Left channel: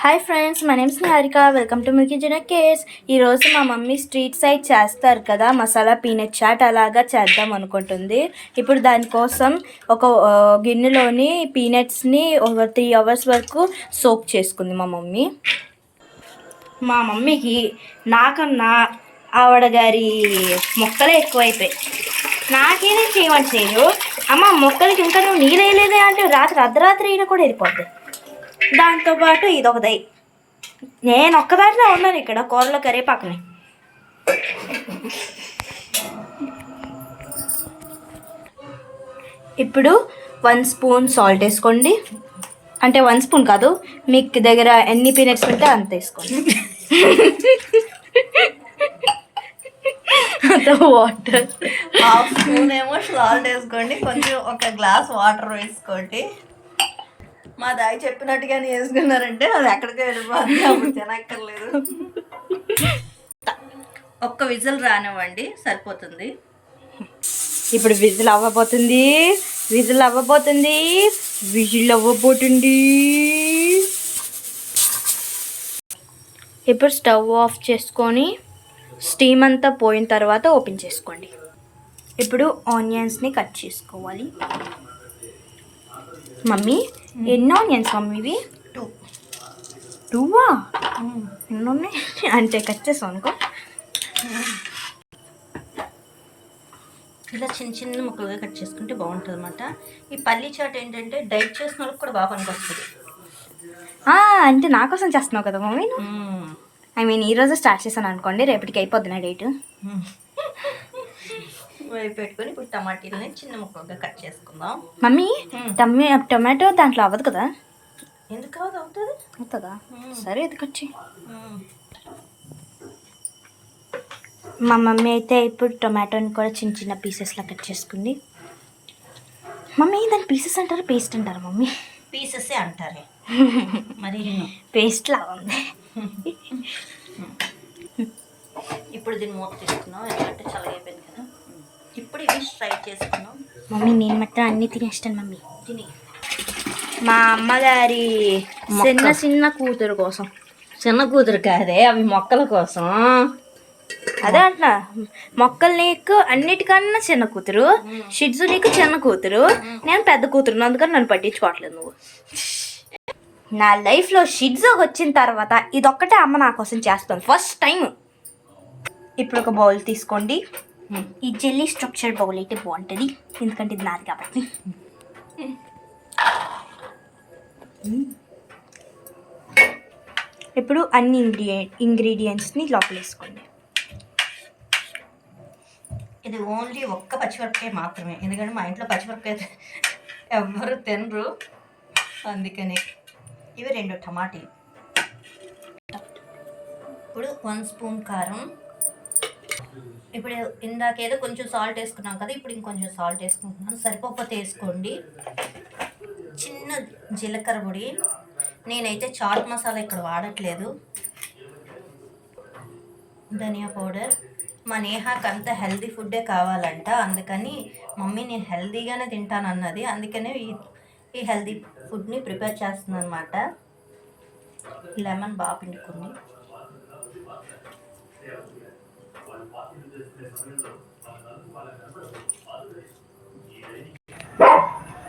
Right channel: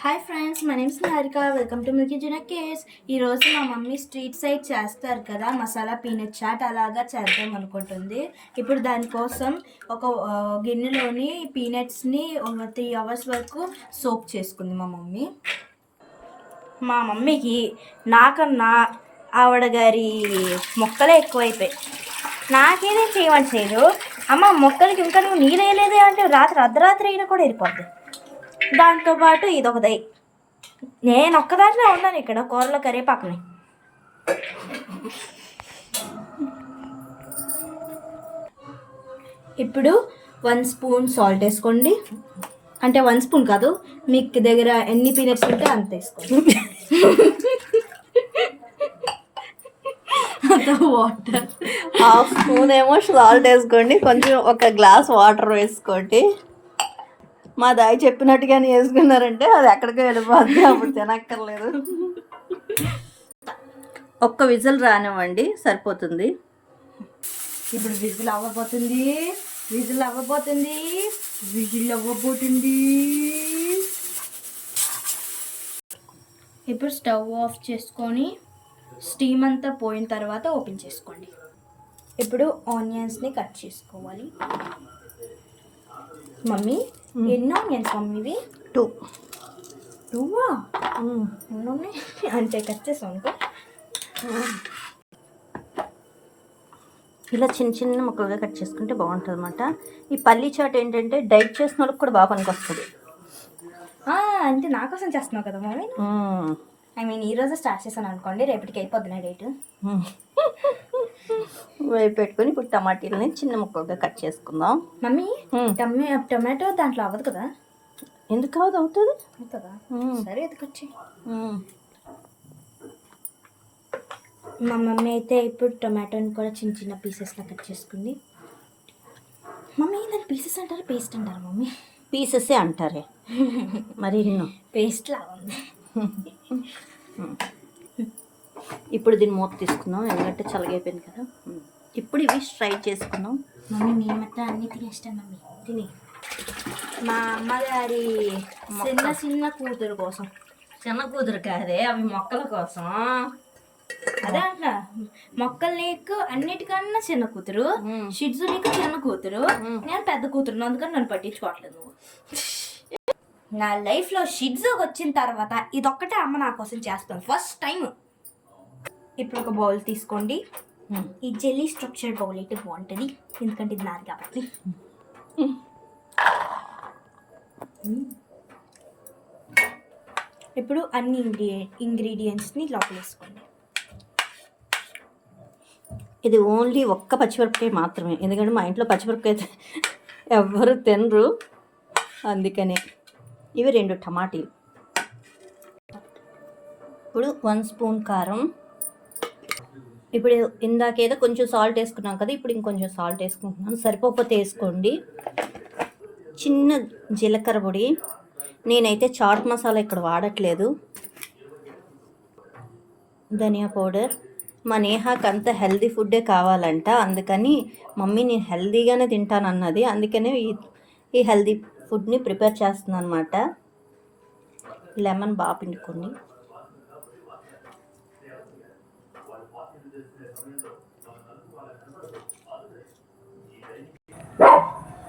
Hi friends my name's Niharika welcome to milky Jana cares ఈరోజు మా mummy street side చేస్తారు కదా masala peanut chat అలాగా చేద్దాం అనుకుంటుంది. ఇప్పుడు దానికోసం ఒక గిన్నెలోని పీనట్స్ని ఒక త్రీ అవర్స్ వరకు సోక్ చేసుకుంది మా మమ్మీ. మా మమ్మీకి నాకన్నా ఆవిడ గారి మొక్కలే ఎక్కువైపోయాయి నాకేనే చేయమని చేయదు అమ్మ మొక్కలకి ఇంకా నువ్వు నీళ్ళు వేయలేదే అంటే రాత్రి అర్ధరాత్రి అయినా కూడా వెళ్ళిపోద్ది. దాంతోపాటు ఇదొకటి. నేను ఒక్కదాన్నే ఉన్నాను ఇక్కడ కూరలో కరివేపాకుని ఇప్పుడు వన్ స్పూన్ సాల్ట్ వేసుకోండి. అంటే వన్ స్పూన్ కాదు మీకు దగ్గర ఎన్ని పీనట్స్ ఉంటే అంత వేసుకోండి. అంత వాటర్. హాఫ్ స్పూన్ ఏమో సాల్ట్ వేసుకోండి కొంచెం ఒక గ్లాస్ వాటర్ వేసుకోండి. మా దాయి చెప్పినట్టుగానే వేసుకున్నారంటే అది ఎక్కడికి వెళ్ళిపోద్ది అప్పుడు తినక్కర్లేదు. ఒక్క విజిల్ రానివ్వండి సరిపోతుంది. ఇప్పుడు విజిల్ అవ్వబోతుంది విజిల్ అవ్వబోతుంది విజిల్ అవ్వబోతుంది. ఇప్పుడు స్టవ్ ఆఫ్ చేసుకొని స్టీమ్ అంతా పోయిన తర్వాత ఓపెన్ చేసుకోండి. ఇప్పుడు ఆనియన్స్ని కట్ చేసుకోవాలి. మమ్మీ ఎన్ని ఆనియన్స్ మమ్మీ ఇవి? టూ. టూవా? ఎన్ని ఉన్నాయి అంటే కట్ చేసాం అనుకో. ఇలా చిన్న చిన్న ముక్కలుగా కట్ చేసుకుంటే బాగుంటుంది అనమాట ఈ పల్లీ చాట్ ఏంటంటే డైట్ చేసిన వాళ్ళకి కూడా బాగా పనికొస్తుంది. అంటే నా కోసం చేస్తున్నావు కదా మమ్మీ ఐ మీన్ ఈ రోజు స్టార్ట్ చేశాను అనుకోండి రేపటికి అయిపోద్ది నా డేట్. వేపు పెట్టుకొని ఇప్పుడు టమాటీలని చిన్న ముక్కలుగా కట్ చేసుకుందాం. మమ్మీ. టమే టొమాటో దాంట్లో అవ్వదు కదా? ఎందుకు కావద్దు అవుతుంది? అవుతుందా. సరే ఇది కట్ చేయి మా మమ్మీ అయితే ఇప్పుడు టొమాటోని కూడా చిన్న చిన్న పీసెస్లా కట్ చేసుకుంది. మమ్మీ దాని పీసెస్ అంటారు పేస్ట్ అంటారు మమ్మీ? పీసెసే అంటారే. మరి పేస్ట్ లా ఉంది. ఇప్పుడు దీన్ని మూత తీసుకున్నాం ఎందుకంటే చల్లగైపోయింది కదా. ఇప్పుడు ఇవి ఫ్రై చేసుకున్నాం మమ్మీ నేను మాత్రం అన్నీ తినేస్తాను మమ్మీ. తిని. మా అమ్మగారి. చిన్న చిన్న కూతురు కోసం. చిన్న కూతురు కాదే అవి మొక్కల కోసం. అదే అంటున్నా. మొక్కలు నీకు అన్నిటికన్నా చిన్న కూతురు షిడ్జు నీకు చిన్న కూతురు. నేను పెద్ద కూతురు అందుకని నన్ను పట్టించుకోవట్లేదు నువ్వు. నా లైఫ్లో షిడ్జు వచ్చిన తర్వాత ఇదొక్కటే అమ్మ నా కోసం చేస్తాను ఫస్ట్ టైం ఇప్పుడు ఒక బౌల్ తీసుకోండి. ఈ జెల్లీ స్ట్రక్చర్ బౌల్ బాగుంటుంది. ఎందుకంటే ఇది నాది కాబట్టి. ఇప్పుడు అన్ని ఇంగ్రీడియ ఇంగ్రీడియంట్స్ని లోపలేసుకోండి. ఇది ఓన్లీ ఒక్క పచ్చిమిరపకాయ మాత్రమే. ఎందుకంటే మా ఇంట్లో పచ్చిమిరపకాయ ఎవ్వరు తినరు. అందుకనే ఇవి రెండు టమాటీలు. ఇప్పుడు వన్ స్పూన్ కారం. ఇప్పుడు ఇందాకేదో కొంచెం సాల్ట్ వేసుకున్నాం కదా ఇప్పుడు ఇంకొంచెం సాల్ట్ వేసుకుంటున్నాను సరిపోకపోతే వేసుకోండి. చిన్న జీలకర్ర పొడి. నేనైతే చాట్ మసాలా ఇక్కడ వాడట్లేదు. ధనియా పౌడర్. మా నేహాకి అంత హెల్దీ ఫుడ్డే కావాలంట. అందుకని మమ్మీ నేను హెల్దీగానే తింటాను అన్నది అందుకనే ఈ ఈ హెల్దీ ఫుడ్ని ప్రిపేర్ చేస్తున్నాను అనమాట లెమన్ బాగా పిండుకుని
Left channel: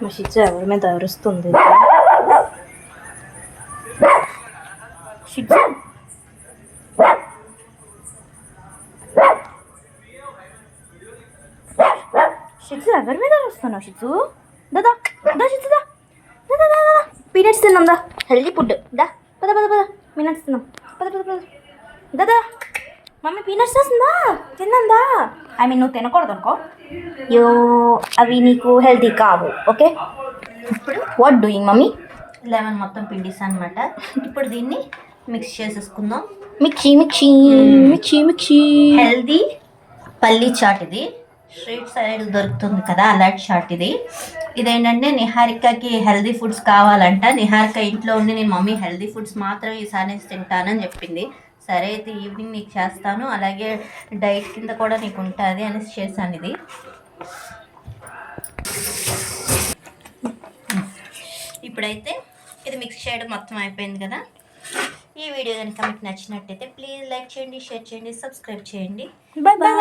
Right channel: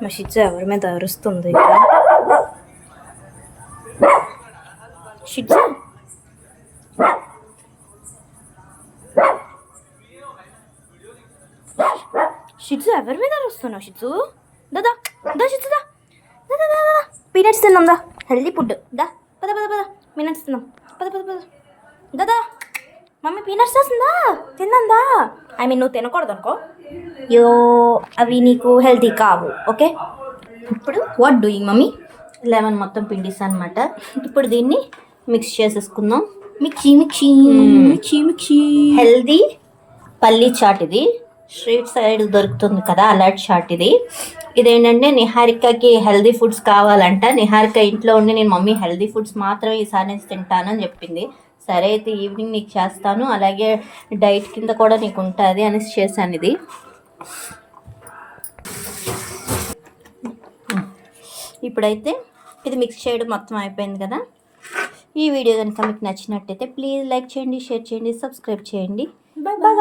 మా షిడ్జు ఎవరి మీద అరుస్తుంది? షిడ్జు షిడ్జు ఎవరి మీద అరుస్తున్నావు షిడ్జు దాదా దా షిడ్జు దా. దా దా దా పీనట్స్ తిన్నాం దా. Healthy food. దా పద పద పద. పీనట్స్ తిన్నాం. పద పద పద. దాదా మమ్మీ పీనట్స్ చేస్తుందా? తిన్నాం దా ఐ మీన్ నువ్వు తినకూడదు అనుకో యో అవి నీకు హెల్తీ కావు ఓకే? ఇప్పుడు వాట్ డూయింగ్ మమ్మీ? లెమన్ మొత్తం పిండిస్తాను అనమాట ఇప్పుడు దీన్ని మిక్స్ చేసేసుకుందాం. Mixie mixie mixie mixie. Healthy పల్లీ చాట్ ఇది. స్ట్రీట్ సైడ్ దొరుకుతుంది కదా అలాంటి చాట్ ఇది. ఇదేంటంటే నిహారికకి హెల్దీ ఫుడ్స్ కావాలంట. నిహారిక ఇంట్లో ఉండి నేను మమ్మీ హెల్దీ ఫుడ్స్ మాత్రమే ఈసారి తింటానని చెప్పింది. సరే అయితే ఈవినింగ్ నీకు చేస్తాను. అలాగే డైట్ కింద కూడా నీకు ఉంటుంది అనేసి చేశాను ఇది. ఇప్పుడైతే ఇది మిక్స్ చేయడం మొత్తం అయిపోయింది కదా. ఈ వీడియో కనుక మీకు నచ్చినట్టయితే ప్లీజ్ లైక్ చేయండి షేర్ చేయండి సబ్స్క్రైబ్ చేయండి. Bye bye